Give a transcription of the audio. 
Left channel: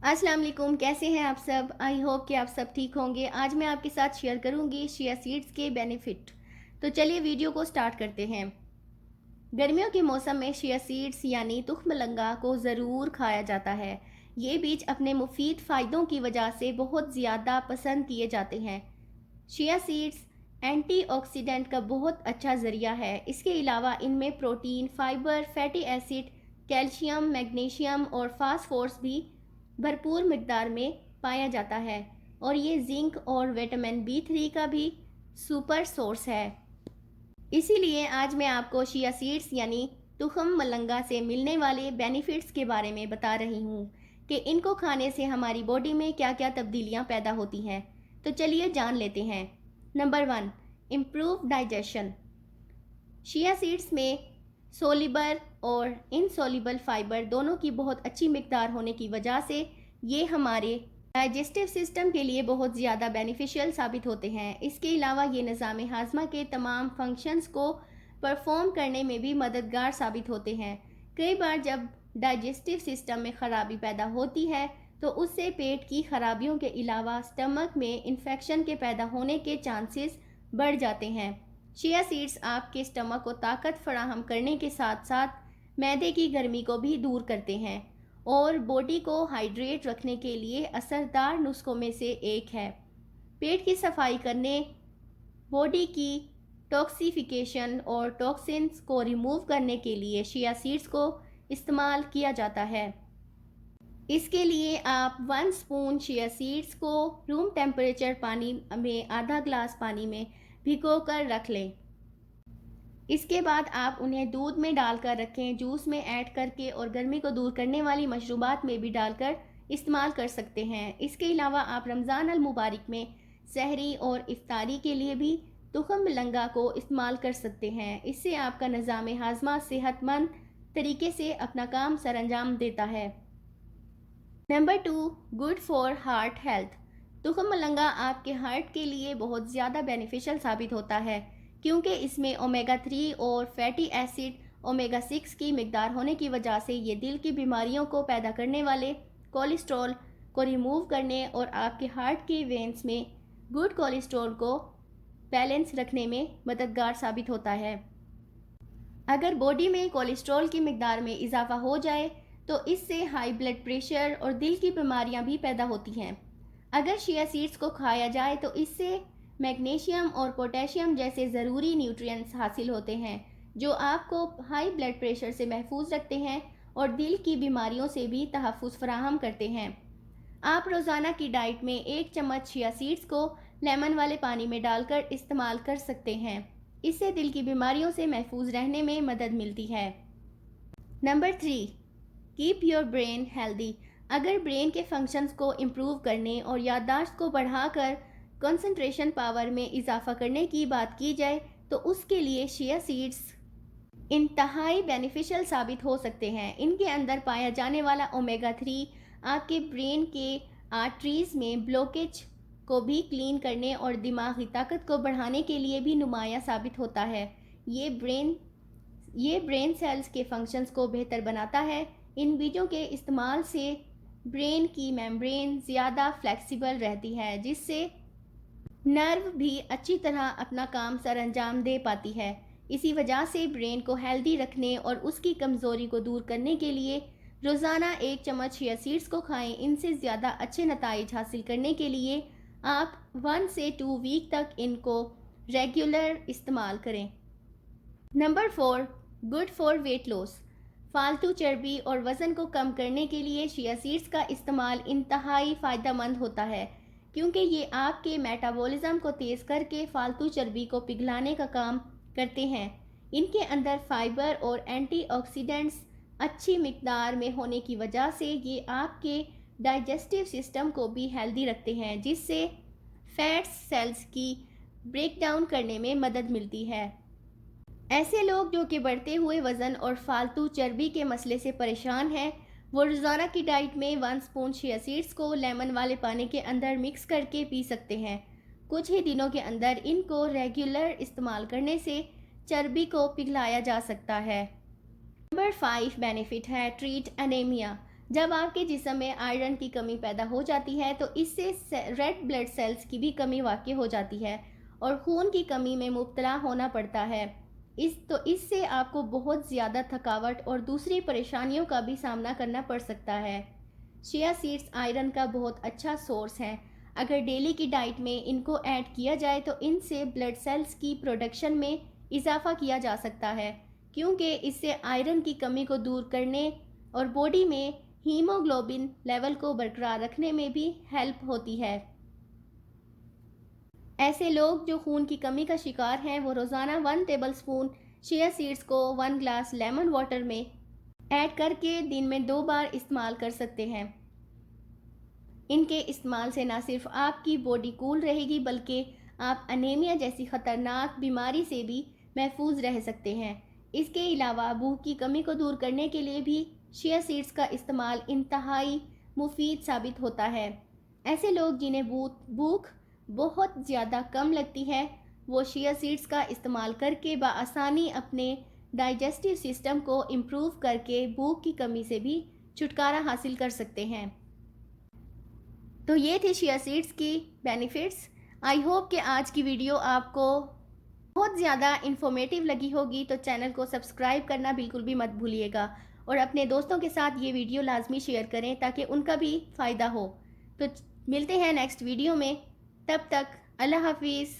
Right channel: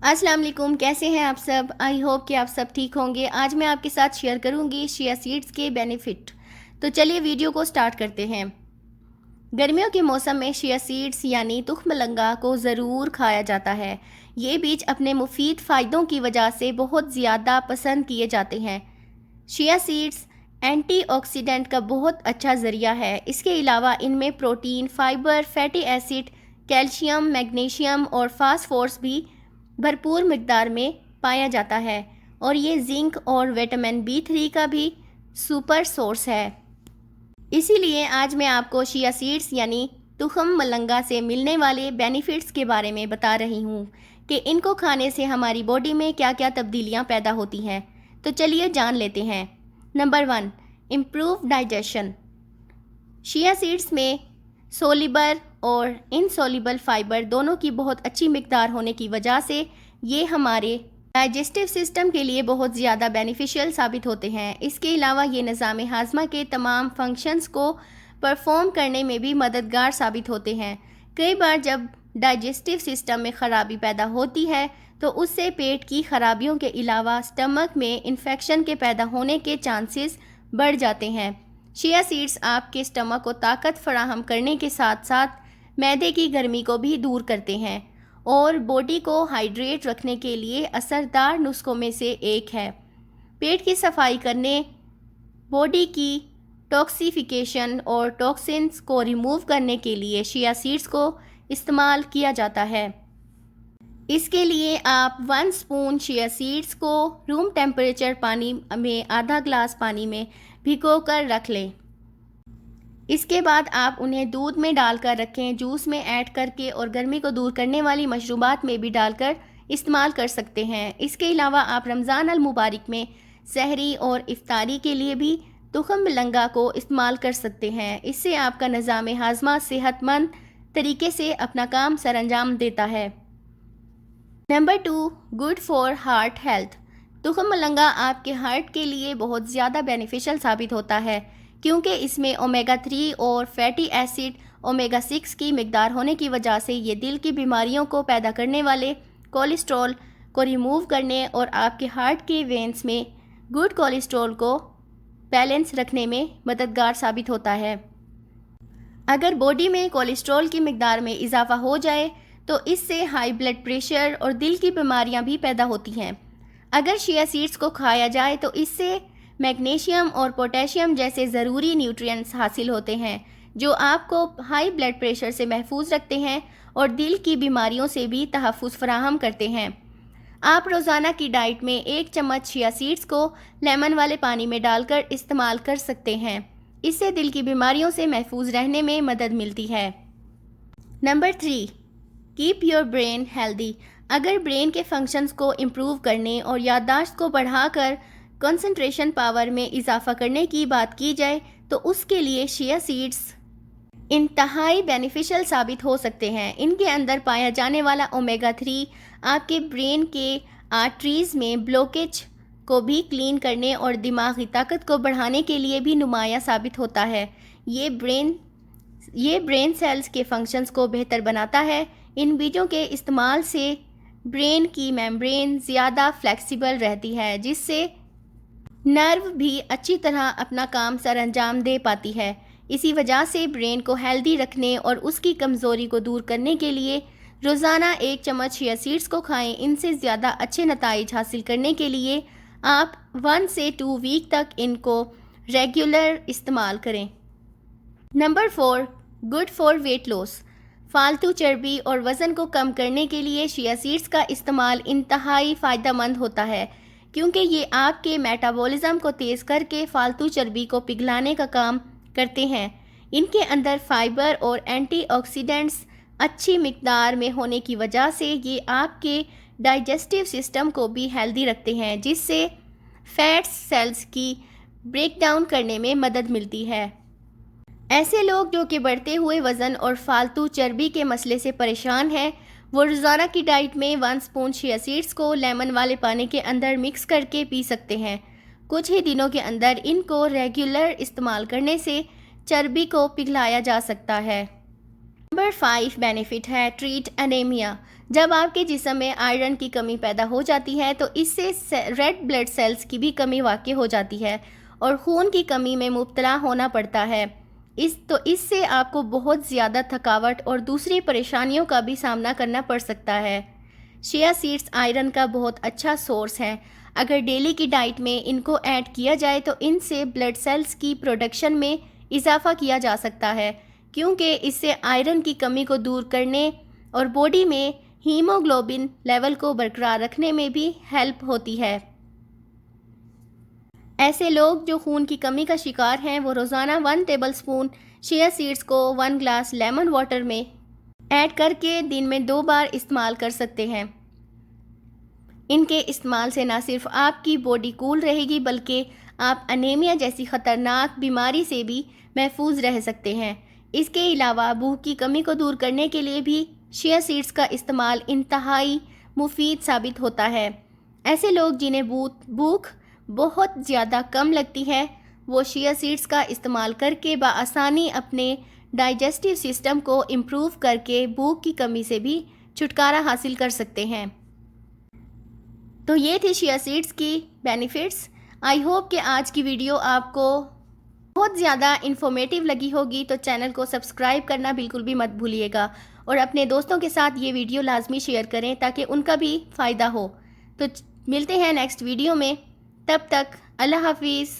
अस्सलाम वालेकुम, कैसे हैं आप सब। आई होप कि आप सब ठीक होंगे। आज मैं आपके साथ शेयर करूंगी चिया सीड्स के बेनिफिट। तो चलिए वीडियो को स्टार्ट करते हैं। गर्मियों के मौसम में चिया सीड्स यानी तुखमलंगा को ज़रूर खाया जाता है। ये बीज अपने मुफीद फ़ायदों की वजह से बहुत ज़्यादा पसंद किए जाते हैं। चिया सीड्स एंटीऑक्सीडेंट का बहुत अच्छा ज़रिया है। इसके अलावा इनमें protein, fibre, fatty acid, calcium, magnesium और फास्फोरस भी भरपूर मिकदार में पाया जाता है और ये जिंक और विटामिन B3 का भी सुपर सोर्स है। इसीलिए आज मैं आपको चिया सीड्स यानी तुखम मलंगा से मिलने वाले बेनिफिट्स के बारे में बता रही हूँ कि इनको खाने से हमारी बॉडी में क्या क्या तब्दीलियाँ पैदा होती हैं। तो चलिए जान लेते हैं। Number 1, improve digestion. Chia seeds में सोलिबल और इनसोलिबल फाइबर दोनों की बहुत अच्छी मिकदार होने की वजह से ये हमारे डाइजेस्टिव सिस्टम के लिए बहुत ज़्यादा बेनिफिशियल साबित होते हैं। इसके अलावा ये निज़ाम हाजमा के तमाम फंक्शंस को परफॉर्म करने में भी मददगार साबित होते हैं। कई बार जब डाइजेस्टिव सिस्टम में ख़राबी पैदा होती है तो उससे पेट की खराबियों के अलावा स्टमक में इन्फेक्शन के पैदा होने के चांसेस बढ़ जाते हैं। चिया सीड्स आपके स्टमक को ताकत फराहम करने के साथ साथ मैदे की गर्मी को भी दूर करते हैं और बॉडी को हाइड्रेट रखने के लिए असरदार नुस्खों में से एक है। पेट की सफाई करने, बॉडी की टॉक्सिफिकेशन और टॉक्सिन्स को रिमूव करने के लिए चिया सीड्स को इस्तेमाल किया जाता है। इसके लिए आप 1 स्पून चिया सीड्स को रूम टेम्परेचर पानी में आधा ग्लास पानी में भिगो कर रख लें। इसके बाद आप उन्हें दूध में डालकर रखें, जूस में ऐड करके और गर्मी को दूर करने वाली मशरूबात में भी डालकर इस्तेमाल कर सकते हैं। इसके अलावा आप रमज़ान अल मुबारक में सहरी और इफ्तारी के लिए भी तुखम मलंगा को इस्तेमाल कर सकते हैं। इससे आपका निज़ाम हाजमा सेहतमंद तरीके से अपना काम सरअंजाम देता है। Number 2, good for heart health. तुखम मलंगा आपके हार्ट के लिए बहुत ज़्यादा बेनिफिशियल साबित होता है क्योंकि इसमें ओमेगा 3 और फैटी एसिड ओमेगा 6 की मिकदार होने की वजह से ये दिल की बीमारियों को पैदा करने वाले कोलेस्ट्रॉल को रिमूव करने और आपके हार्ट के वेन्स में गुड कोलेस्ट्रॉल को बैलेंस रखने में मददगार साबित होता है। अगर बॉडी में कोलेस्ट्रॉल की मिकदार में इजाफा हो जाए तो इससे हाई ब्लड प्रेशर और दिल की बीमारियां भी पैदा होती हैं। अगर चिया सीड्स को खाया जाए तो इससे मैग्नीशियम और पोटेशियम जैसे ज़रूरी न्यूट्रिएंट्स हासिल होते हैं जो आपको हाई ब्लड प्रेशर से महफूज रखते हैं और दिल की बीमारियों से भी तहफ़्फ़ुज़ फराहम करते हैं। आप रोज़ाना की डाइट में 1 चम्मच चिया सीड्स को लेमन वाले पानी में डालकर इस्तेमाल कर सकते हैं। इससे दिल की बीमारियों से महफूज रहने में मदद मिलती है। Number 3, keep your brain healthy. अगर ब्रेन के फंक्शंस को इम्प्रूव करने और याददाश्त को बढ़ाकर कंसंट्रेशन पावर में इजाफा करने की बात की जाए तो उसके लिए चिया सीड्स इंतहाई बेनिफिशियल साबित हो सकते हैं। इनके अंदर पाया जाने वाला ओमेगा 3 आपके ब्रेन के आर्टरीज में ब्लॉकेज को भी क्लीन करने और दिमागी ताकत को बढ़ाने के लिए भी नुमाया साबित होता है। ये ब्रेन सेल्स के फंक्शंस को बेहतर बनाता है। इन बीजों के इस्तेमाल से ब्रेन की मेम्ब्रेन ज़्यादा फ्लेक्सिबल रहती है जिससे नर्व भी अच्छी तरह अपना काम सरअंजाम दे पाती है। इसी वजह से ब्रेन को हेल्दी रखने और उसकी कमज़ोरी को दूर करने के लिए रोज़ाना 1 चम्मच चिया सीड्स को खाएं। इनसे ज़्यादा अच्छे नताइज हासिल करने के लिए आप 1 से 2 वीक तक इनको रेगुलर इस्तेमाल करें। Number 4, good for weight loss. फालतू चर्बी और वज़न को कम करने के लिए चिया सीड्स का इस्तेमाल इंतहाई फ़ायदेमंद होता है क्योंकि ये आपके मेटाबॉलिज्म को तेज़ करके फालतू चर्बी को पिघलाने का काम करते हैं। इनके अंदर फाइबर और एंटीऑक्सीडेंट्स अच्छी मिकदार में होने की वजह से ये आपके डाइजेस्टिव सिस्टम को भी हेल्दी रखते हैं जिससे फैट्स सेल्स की ब्रेकडाउन करने में मदद मिलती है। ऐसे लोग जो कि बढ़ते हुए वज़न और फालतू चर्बी के मसले से परेशान हैं वो रोज़ाना की डाइट में 1 स्पून चिया सीड्स को लेमन वाले पानी के अंदर मिक्स करके पी सकते हैं। कुछ ही दिनों के अंदर इनको रेगुलर इस्तेमाल करने से चर्बी को पिघलाया जा सकता है। नंबर 5 बेनिफिट है ट्रीट एनीमिया। जब आपके जिस्म में आयरन की कमी पैदा हो जाती है तो इससे रेड ब्लड सेल्स की भी कमी वाक़ई हो जाती है और खून की कमी में मुब्तला होना पड़ता है। इससे आपको बहुत ज़्यादा थकावट और दूसरी परेशानियों का भी सामना करना पड़ सकता है। चिया सीड्स आयरन का बहुत अच्छा सोर्स है। अगर डेली की डाइट में इनको ऐड किया जाए तो इनसे ब्लड सेल्स की प्रोडक्शन में इजाफा किया जा सकता है, क्योंकि इससे आयरन की कमी को दूर करने और बॉडी में हीमोग्लोबिन लेवल को बरकरार रखने में भी हेल्प होती है। ऐसे लोग जो खून की कमी का शिकार हैं वो रोज़ाना 1 टेबलस्पून चिया सीड्स को 1 ग्लास लेमन वाटर में ऐड करके दिन में 2 बार इस्तेमाल कर सकते हैं। इनके इस्तेमाल से ना सिर्फ आपकी बॉडी कूल रहेगी बल्कि आप अनीमिया जैसी ख़तरनाक बीमारी से भी महफूज रह सकते हैं। इसके अलावा भूख की कमी को दूर करने के लिए भी चिया सीड्स का इस्तेमाल इंतहाई मुफीद साबित होता है। ऐसे लोग जिन्हें भूख बहुत ज़्यादा कम लगती है वो चिया सीड्स का इस्तेमाल करके बआसानी अपने डाइजेस्टिव सिस्टम को इम्प्रूव करके भूख की कमी से भी छुटकारा हासिल कर सकते हैं। तो ये थे chia seeds key benefits. I hope कि आज की वीडियो आपको बहुत ज़्यादा इन्फॉर्मेटिव लगी होगी, तो चैनल को सब्सक्राइब करना बिल्कुल भी मत भूलिएगा और अपने दोस्तों के साथ ये वीडियो लाजमी शेयर करें ताकि उनका भी फ़ायदा हो। तो मिलते हैं नेक्स्ट वीडियो में, तब तक अल्लाह हाफिज़।